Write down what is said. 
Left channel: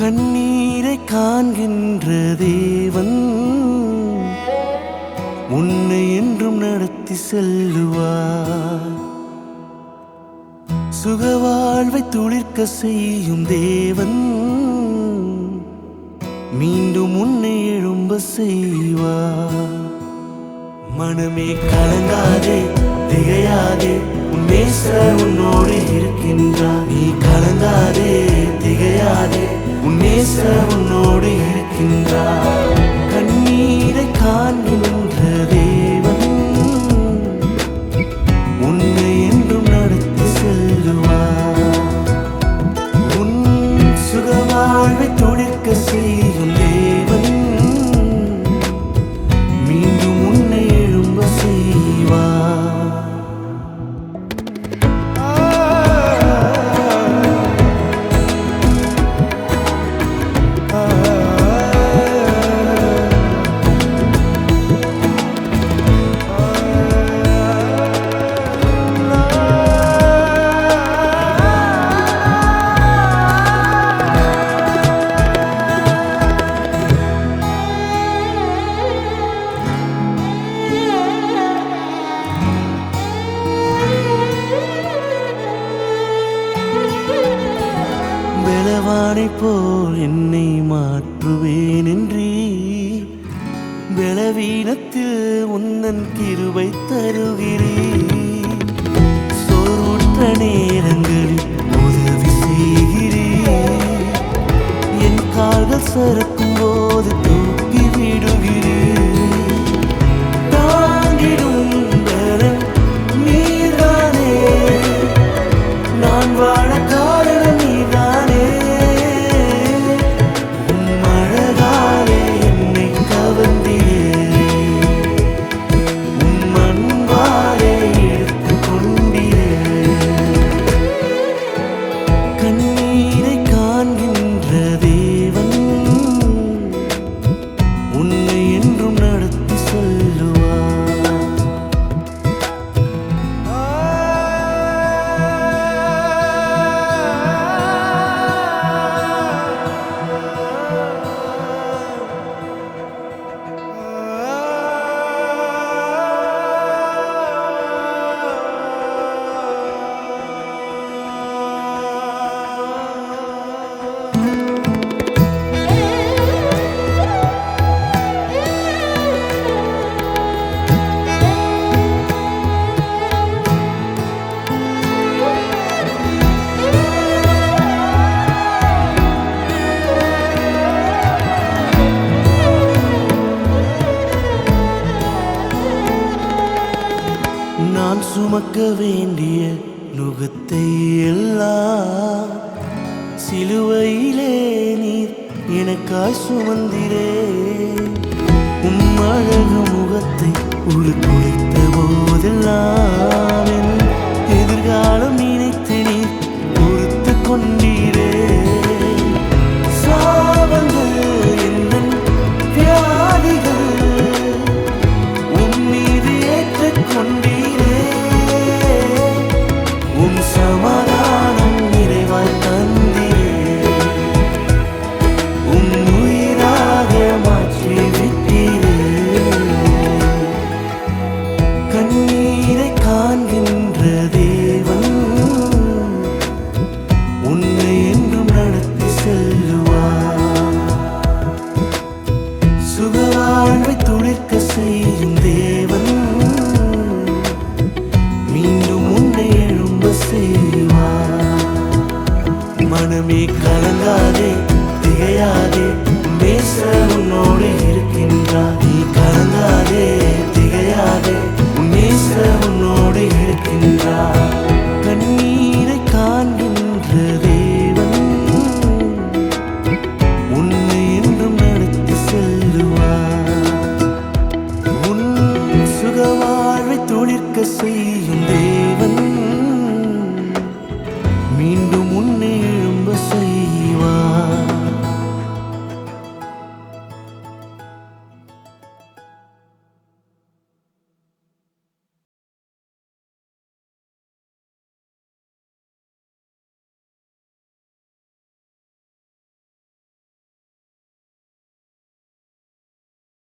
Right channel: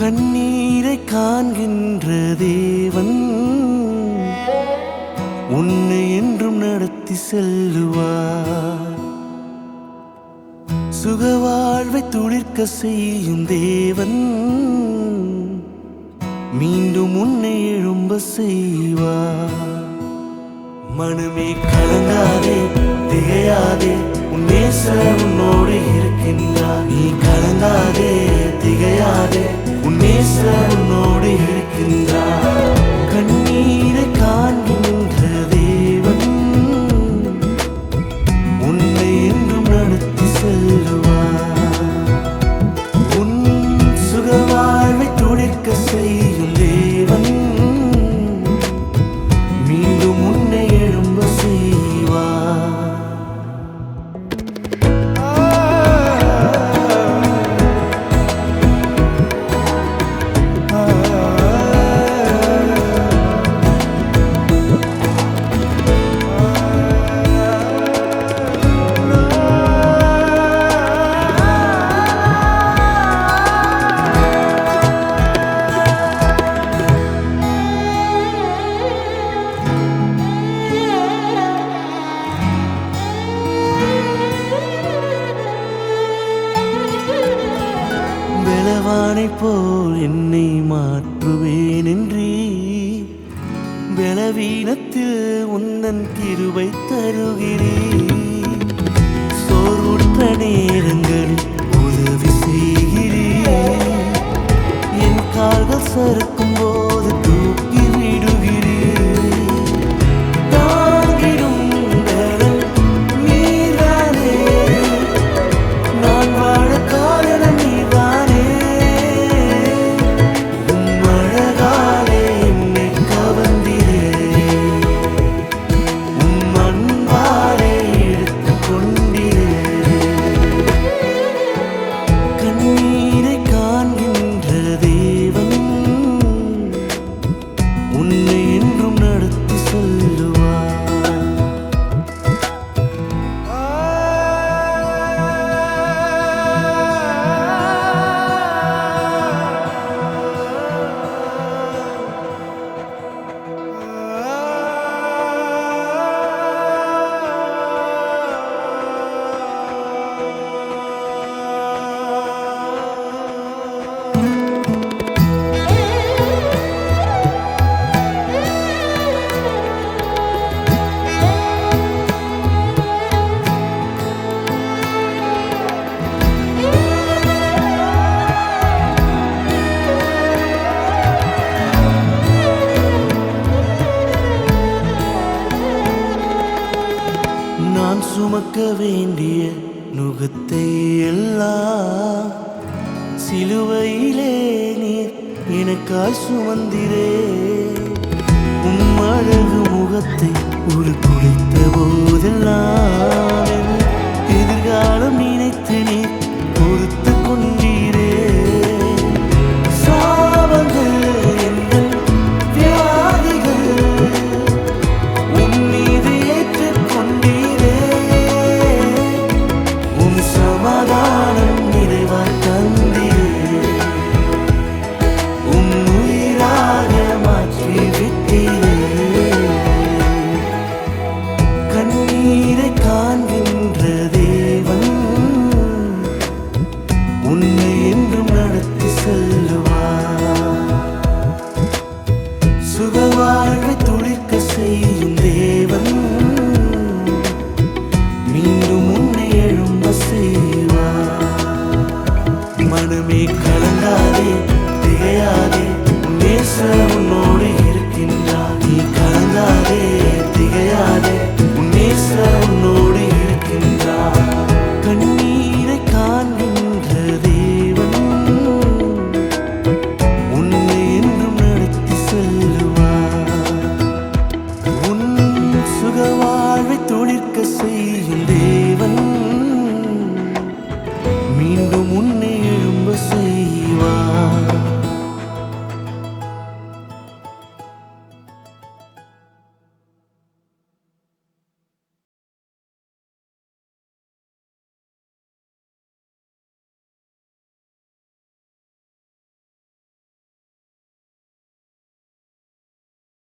கண்ணீரை காண்கின்ற தேவன் உன்னை என்றும் நடத்தி செல்லுவார். சுகவாழ்வை துளிர்க்க செய்யும் தேவன் மீண்டும் உன்னை எழும்ப செய்வார். மனமே கலங்காதே, திகையாதே, உன் நேசர் உன்னோடு இருக்கின்றார். நீ கலங்காதே, திகையாதே, உன் நேசர் உன்னோடு இருக்கின்றார். கண்ணீரை காண்கின்ற தேவன் உன்னை என்றும் நடத்தி செல்லுவார். உன் சுகவாழ்வை துளிர்க்க செய்யும் தேவன் மீண்டும் உன்னை எழும்ப செய்வார். பலவானை போல் என்னை மாற்றுவேன் என்றீ, பலவீனத்தில் உந்தன் கிருபை தருகிறீர். சோர்வுற்ற நேரங்களில் உதவி செய்கிறீர். என் கால்கள் சறுக்கும் போது தூக்கி விடுகிறீர். தாங்கிடும் பலன் நீர்தானே, நான் வாழ காரணம் நீர்தானே. உம்மழகாலே என்னை கவர்ந்திரே, உம் அன்பாலே எடுத்து கொண்டிரே. கண்ணீரை காண்கின்ற தேவன் உன்னை என்றும் நடத்தி சொல்லுவார். நான் சுமக்க வேண்டிய நுகத்தை எல்லாம் சிலுவையிலே நீர் எனக்காய் சுமந்திரே. உம் அழகு முகத்தை உருக்குலைத்த போதெல்லாம் என் எதிர்காலம் நினைத்து நீர் பொறுத்து கொண்டீரே. சாபங்கள் எந்தன் வியாதிகள் உன் மீது ஏற்றுக்கொண்டீரே. உன் சமாதானம் நிறைவாய் தந்திரே. உன் உயிராக மாற்றி விட்டீரே. கண்ணீரை காண்கின்ற தேவன் உன்னை என்றும் நடத்தி செல்லுவார். சுகவாழ்வை துளிர்க்க செய்யும் தேவன் மீண்டும் உன்னை எழும்ப செய்வார். மனமே கலங்காதே, திகையாதே, உன் நேசர் உன்னோடு இருக்கின்றார். நீ கலங்காதே, திகையாதே, உன் நேசர் உன்னோடு இருக்கின்றார். கண்ணீரை காண்கின்ற தேவன் உன்னை என்றும் நடத்தி செல்லுவார். உன் சுகவாழ்வை துளிர்க்க செய்யும் தேவன் மீண்டும் உன்னை எழும்ப செய்வார்.